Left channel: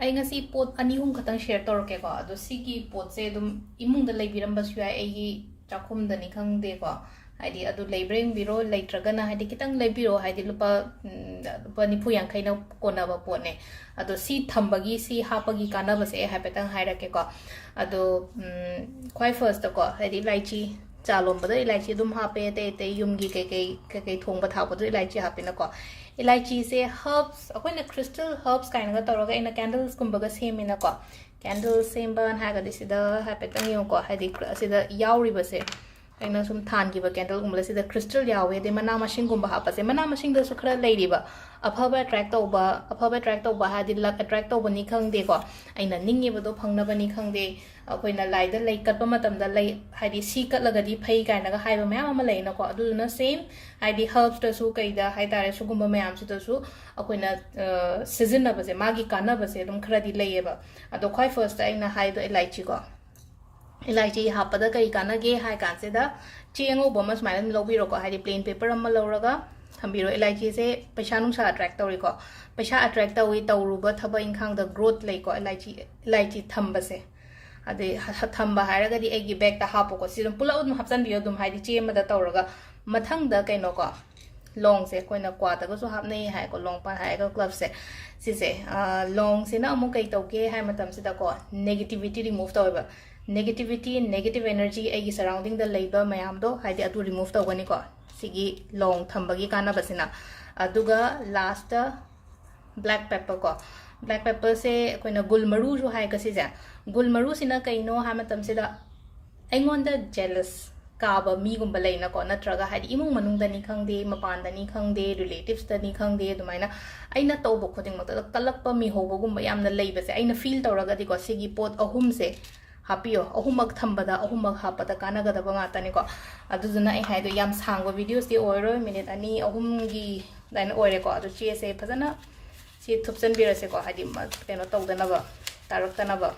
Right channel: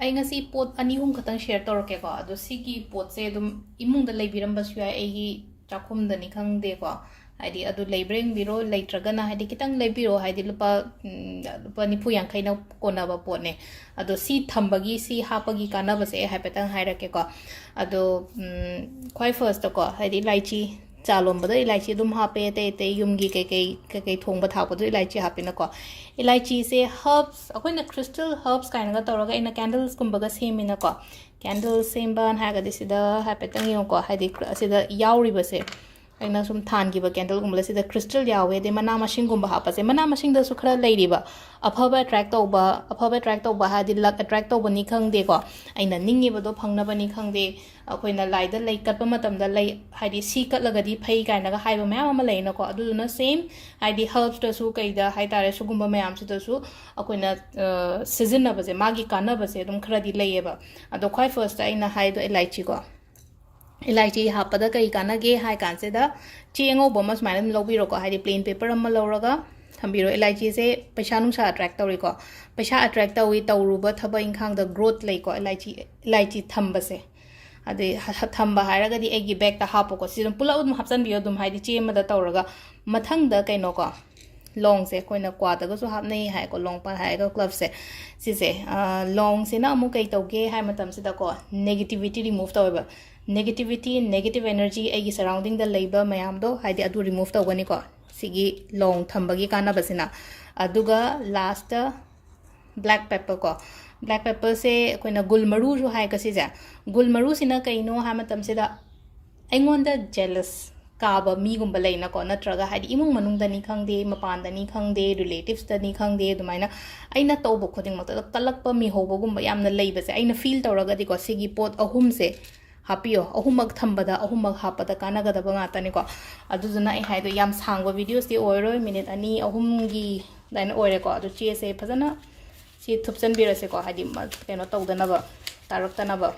ꯑꯩ ꯉꯁꯤ ꯄꯣꯠ ꯑꯅꯤ ꯑꯍꯨꯝ ꯈꯛꯇꯪ ꯁꯦꯌꯔ ꯇꯧꯔꯛꯀꯦꯀꯣ ꯑꯗꯣ ꯁꯤꯒꯤ ꯄꯣꯠꯁꯦ ꯑꯗꯨꯝ ꯏꯃꯨꯡꯗ ꯂꯩꯕꯤꯔꯝꯕꯁꯨ ꯌꯥꯏ ꯑꯩꯒꯤ ꯆꯥꯛꯈꯨꯝꯗꯅꯤ ꯈꯪꯗꯦꯀꯣ ꯍꯥꯏꯗꯤ ꯑꯗꯨ ꯂꯩꯕ꯭ꯔꯥ ꯌꯦꯡꯕꯤꯔꯣ ꯂꯩꯇ꯭ꯔꯒꯅ ꯍꯥꯏꯗꯤ ꯈꯤꯇꯪ ꯂꯩꯕꯤꯔꯣ ꯍꯥꯏꯗꯤ ꯂꯨꯄꯥ ꯅꯤꯐꯨ ꯌꯥꯡꯈꯩꯅ ꯀꯣꯟꯅꯕ ꯄꯣꯠꯅꯦ ꯑꯗꯣ ꯁꯤ ꯊꯝꯕꯒꯤ ꯁꯤ ꯍꯥꯞꯄꯒꯤ ꯀꯥꯟꯅꯕꯁꯦ ꯑꯩ ꯍꯥꯏꯐꯦꯠꯇꯪ ꯍꯥꯏꯔꯛꯀꯦꯀꯣ ꯑꯗꯣ ꯈ꯭ꯋꯥꯏ ꯐꯥꯔꯁꯇꯀꯣ ꯍꯥꯏꯗꯤ ꯏꯂꯥꯏꯆꯤ ꯆꯥ ꯂꯣꯟꯕꯗ ꯏꯂꯥꯏꯆꯤ ꯑꯗꯨꯝ ꯍꯥꯞꯄꯦ ꯑꯇꯩ ꯑꯇꯩ ꯌꯨꯝꯒꯤ ꯀꯩꯀꯩ ꯊꯣꯡꯕ ꯊꯥꯛꯄꯗꯣ ꯏꯂꯥꯏꯆꯤ ꯍꯥꯞꯄꯤꯅꯀꯣ ꯏꯂꯥꯏꯆꯤꯁꯦ ꯍꯔꯕꯁ ꯑꯩꯈꯣꯏꯅ ꯈ꯭ꯔꯤꯁꯇꯦꯜ ꯍꯔꯕꯁ ꯀꯥꯏꯅꯒ ꯇꯧꯔꯒ ꯑꯩꯅ ꯀꯦꯟꯗꯜꯁꯀꯨꯝꯕꯒ ꯁꯦꯝꯃꯤꯅꯀꯣ ꯀꯦꯟꯗꯜ ꯁꯦꯝꯕꯅ ꯍꯥꯏꯔꯒꯗꯤ ꯁꯤꯗ ꯍꯥꯏꯐꯦꯠꯇꯪ ꯌꯦꯡꯉꯨꯀꯣ ꯍꯥꯏꯗꯤ ꯑꯁꯤꯗ ꯌꯥꯎꯔꯤꯕꯁꯦ ꯑꯩꯅ ꯁꯨꯝ ꯊꯥꯟꯈꯤꯕ ꯀꯦꯟꯗꯜꯒꯨꯝꯕꯗ ꯁꯤꯗ ꯈ꯭ꯔꯤꯁꯇꯦꯜ ꯌꯥꯎꯋꯦ ꯑꯗꯩ ꯃꯅꯥ ꯃꯁꯤꯡꯒꯨꯝꯕ ꯍꯥꯞꯄꯁꯦ ꯃꯅꯥ ꯃꯁꯤꯡꯗꯁꯨ ꯈꯔ ꯂꯩꯔꯤꯕ ꯑꯐꯕ ꯑꯦꯇ꯭ꯔꯦꯛ ꯇꯧꯕ ꯍꯥꯏꯗꯤ ꯂꯛ ꯑꯦꯇ꯭ꯔꯦꯛ ꯇꯧꯕꯅꯤ ꯈꯪꯗꯦꯀꯣ ꯑꯩꯅ ꯅꯤꯡꯉꯤꯕꯗꯣ ꯐꯪꯅꯕꯅꯤ ꯈꯪꯗꯦ ꯑꯩꯈꯣꯏꯅ ꯂꯥꯏꯗ ꯂꯩ ꯀꯠꯄ ꯃꯇꯝꯗ ꯂꯩ ꯍꯥꯏꯗꯤ ꯁꯤ ꯀꯠꯂꯒꯗꯤ ꯐꯩ ꯀꯥꯏꯅꯒ ꯍꯥꯏꯕ ꯃꯌꯥꯝ ꯑꯃ ꯂꯩꯅꯀꯣ ꯑꯗꯨꯗꯨꯅ ꯁꯦꯝ ꯍꯥꯏꯗꯤ ꯍꯔꯕꯁꯇꯁꯨ ꯀꯩꯗ ꯍꯥꯏꯇꯥꯔꯦ ꯁꯤꯒꯨꯝꯕ ꯃꯌꯥꯝꯁꯤꯗꯁꯨ ꯑꯩꯈꯣꯏꯅ ꯁꯤꯖꯤꯟꯅꯕꯁꯦ ꯃꯥꯒꯤ ꯀꯥꯟꯅꯕꯁꯦ ꯑꯗꯨꯝ ꯈꯔꯗꯤ ꯂꯩꯌꯦꯕ ꯑꯗꯣ ꯈ꯭ꯋꯥꯏ ꯐꯥꯔꯁꯇ ꯑꯩꯅ ꯍꯥꯏꯗꯣ ꯏꯂꯥꯏꯆꯤꯀꯣ ꯏꯂꯥꯏꯆꯤ ꯍꯥꯞꯄꯗ ꯀꯩ ꯀꯥꯟꯅꯒꯦ ꯍꯥꯏ ꯀꯥꯟꯁꯤꯗ ꯆꯦ ꯑꯉꯧꯕ ꯑꯃ ꯁꯨꯃꯥꯏꯅ ꯑꯗꯨꯝ ꯂꯧꯕꯤꯔꯣꯀꯣ ꯍꯥꯏꯗꯤ ꯄ꯭ꯂꯦꯟ ꯄꯦꯄꯔ ꯑꯃ ꯂꯧꯔꯒ ꯊꯝꯕꯤꯔꯣ ꯏꯂꯥꯏꯆꯤꯁꯦ ꯄꯩꯁꯥ ꯅꯨꯡꯁꯥ ꯑꯦꯇ꯭ꯔꯦꯛ ꯇꯧꯔꯤꯀꯣ ꯄꯩꯁꯥ ꯑꯦꯇ꯭ꯔꯦꯛ ꯇꯧꯏ ꯇꯧꯔꯨꯕ ꯊꯕꯛ ꯏꯪꯈꯥꯡꯗ ꯒ꯭ꯔꯣꯊ ꯂꯩꯀꯣ ꯏꯂꯥꯏꯆꯤ ꯊꯝꯕꯁꯦ ꯑꯗꯩ ꯊꯝꯕ ꯍꯥꯏꯔꯒꯗꯤ ꯑꯩꯒꯤ ꯕꯦꯛꯇ ꯍꯥꯞꯄꯣꯀꯣ ꯁꯤ ꯑꯗꯨꯝ ꯄꯨꯂꯞ ꯑꯗꯨꯝ ꯍꯥꯞꯆꯤꯟꯕꯤꯌꯣ ꯑꯗꯨꯝ ꯍꯥꯏꯗꯤ ꯆꯦ ꯑꯃꯗ ꯇꯧꯔꯒ ꯃꯊꯪꯗ ꯀꯩꯅꯣꯀꯣ ꯂꯣꯡꯁꯦ ꯑꯩꯈꯣꯏꯅ ꯀ꯭ꯋꯥꯗꯒꯁꯨ ꯍꯥꯞꯅꯩ ꯍꯥꯏꯀꯣ ꯂꯣꯡꯄꯥꯟ ꯍꯥꯏꯔꯒ ꯀ꯭ꯂꯕꯁꯦ ꯁꯤꯁꯦ ꯂꯣꯡꯁꯤꯅ ꯑꯃꯨꯛ ꯀꯩ ꯇꯧꯒꯦ ꯍꯥꯏ ꯃꯇꯝꯁꯤꯗꯀꯣ ꯅꯦꯒꯦꯇꯤꯚꯤꯇꯤ ꯔꯤꯃꯨꯚ ꯇꯧꯋꯦꯕ ꯅꯦꯒꯦꯇꯤꯚꯤꯇꯤ ꯅꯦꯒꯦꯇꯤꯚ ꯑꯦꯅꯔꯖꯤ ꯑꯩꯒꯤ ꯁꯔꯥꯎꯟꯗꯤꯡꯗ ꯂꯩꯕ ꯃꯌꯥꯝꯗꯣ ꯍꯥꯏꯗꯤ ꯑꯗꯨ ꯔꯤꯃꯨꯚ ꯇꯧꯒꯅꯤꯀꯣ ꯁꯤꯒꯤ ꯂꯣꯡ ꯊꯝꯕꯒꯤ ꯀꯥꯟꯅꯕꯁꯤꯅ ꯑꯗꯨꯒ ꯂꯥꯁꯇ ꯕ꯭ꯂꯦꯛ ꯄꯦꯄꯔ ꯀꯣ ꯕ꯭ꯂꯦꯛ ꯄꯦꯄꯔꯁꯦ ꯑꯩꯈꯣꯏꯅ ꯒꯨꯜ ꯃꯔꯨꯁꯨ ꯍꯥꯏꯀꯣ ꯁꯤꯁꯦ ꯒꯨꯜ ꯃꯔꯨꯁꯤꯅ ꯀꯩꯅꯣ ꯍꯥꯏ ꯃꯇꯝꯁꯤꯗ ꯑꯩꯉꯣꯟꯗ ꯖꯦꯂꯁ ꯀꯥꯕ ꯃꯤꯒꯨꯝꯕ ꯂꯩꯅꯀꯣ ꯅꯠꯇ꯭ꯔꯒ ꯍꯥꯏꯗꯤ ꯏꯃꯨꯡ ꯃꯅꯨꯡꯗꯅꯤ ꯈꯪꯗꯦ ꯃꯄꯥꯟꯗꯅꯤ ꯈꯪꯗꯦ ꯔꯤꯂꯦꯇꯤꯚꯁꯇꯅꯤ ꯈꯪꯗꯦ ꯑꯗꯨꯃꯥꯏꯅ ꯑꯩꯅ ꯇꯧꯕ ꯈꯨꯗꯤꯡꯃꯛꯇ ꯀꯜꯂꯛꯄ ꯃꯤꯍꯧꯕꯒꯨꯝꯕ ꯌꯥꯝꯅ ꯂꯩꯕꯁꯦ ꯑꯩꯅ ꯐꯤꯜ ꯇꯧꯔꯒꯗꯤꯀꯣ ꯁꯤꯒꯤ ꯄꯣꯠ ꯑꯍꯨꯝꯁꯦ ꯍꯥꯞꯄꯤꯌꯣ ꯑꯍꯨꯝꯃꯛ ꯊꯝꯕꯗ ꯑꯍꯨꯝꯃꯛ ꯍꯥꯞꯄꯗ ꯀꯥꯟꯅꯒꯗꯕ ꯉꯥꯛꯇꯅꯤꯀꯣ ꯑꯗꯨꯗꯨꯅ ꯑꯩ ꯍꯥꯏꯗꯣ ꯌꯥꯝ ꯁꯥꯡꯕ ꯚꯤꯗꯤꯑꯣꯁꯇꯤ ꯑꯣꯏꯔꯣꯏ ꯃꯤꯅꯤꯠ 2-3ꯒꯤ ꯑꯗꯨꯃꯥꯏꯅ ꯑꯣꯏꯔꯦꯀꯣ ꯑꯗꯨ ꯆꯦꯁꯦ ꯐꯖꯅ ꯁꯤ ꯊꯨꯞꯆꯟꯕꯤꯔꯁꯦꯀꯣ ꯍꯥꯏꯗꯤ ꯀꯩꯅꯣ ꯇꯧꯗꯅꯕ ꯇꯥꯔꯛꯇꯅꯕ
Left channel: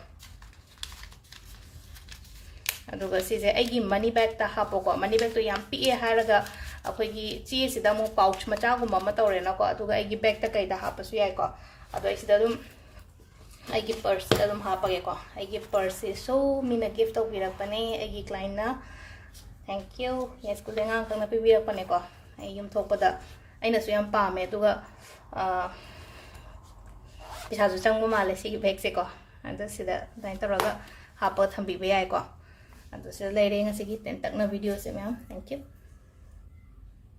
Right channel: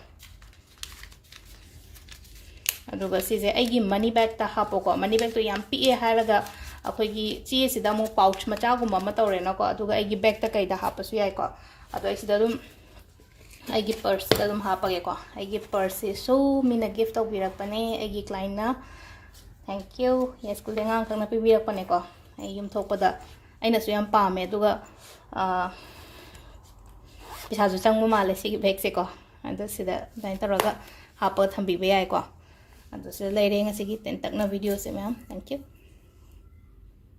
ꯑꯗꯨꯒ ꯁꯤꯁꯦ ꯑꯩꯒꯤ ꯃꯅꯤ ꯕꯦꯛꯇ ꯍꯥꯞꯄꯣꯀꯣ ꯃꯅꯤ ꯕꯦꯛꯇꯣ ꯌꯥꯝ ꯄꯤꯛꯑꯦ ꯍꯥꯏꯔꯒ ꯑꯩꯈꯣꯏꯒꯤ ꯆꯦꯁꯤꯗ ꯑꯃꯨꯛ ꯄꯥꯎꯆ ꯃꯆꯥꯒꯨꯝꯕ ꯑꯃ ꯇꯧꯔꯦꯅꯀꯣ ꯑꯗꯨꯒ ꯑꯩꯒꯤ ꯕꯦꯛꯇ ꯀꯩꯗ ꯍꯥꯞꯄꯁꯨ ꯌꯥꯏꯀꯣ ꯑꯗꯣ ꯑꯩ ꯁꯤꯗ ꯑꯗꯨꯝ ꯑꯩꯒꯤ ꯄꯔꯁꯇ ꯑꯗꯨꯝ ꯍꯥꯞꯄꯒꯦꯀꯣ ꯑꯩꯒꯤ ꯄꯔꯁꯁꯤꯁꯨ ꯃꯤꯅ ꯒꯤꯐꯠ ꯇꯧꯕꯤꯔꯛꯄꯅꯦ ꯑꯩꯒꯤ ꯀ꯭ꯂꯥꯏꯟꯠꯅ ꯊꯦꯡꯛ ꯌꯨ ꯁ꯭ꯀꯨꯜꯗ ꯑꯉꯥꯡꯈꯛꯅ ꯄꯤꯕꯤꯔꯛꯄꯅꯦꯀꯣ ꯑꯩ ꯌꯨꯝꯊꯣꯛꯄꯗ ꯑꯩꯅꯁꯨ ꯌꯥꯝ ꯄꯥꯝꯃꯦ ꯑꯗꯨꯒ ꯄꯩꯁꯥꯁꯨ ꯆꯪꯕ ꯃꯥꯜꯂꯦ ꯁꯤꯒꯤ ꯕꯦꯛꯁꯦꯀꯣ ꯑꯗꯣ ꯁꯤꯗ ꯑꯗꯨꯃꯥꯏꯅ ꯇꯧꯔꯒ ꯍꯥꯞꯄꯒ ꯊꯝꯕꯤꯕ ꯌꯥꯏꯀꯣ ꯑꯗꯣ ꯁꯤꯗ ꯂꯩꯔꯦ ꯉꯁꯤꯒꯤ ꯇꯦꯟꯇꯛꯅ ꯚꯤꯗꯤꯑꯣꯁꯦ ꯃꯌꯥꯝ ꯊꯦꯡꯛ ꯌꯨ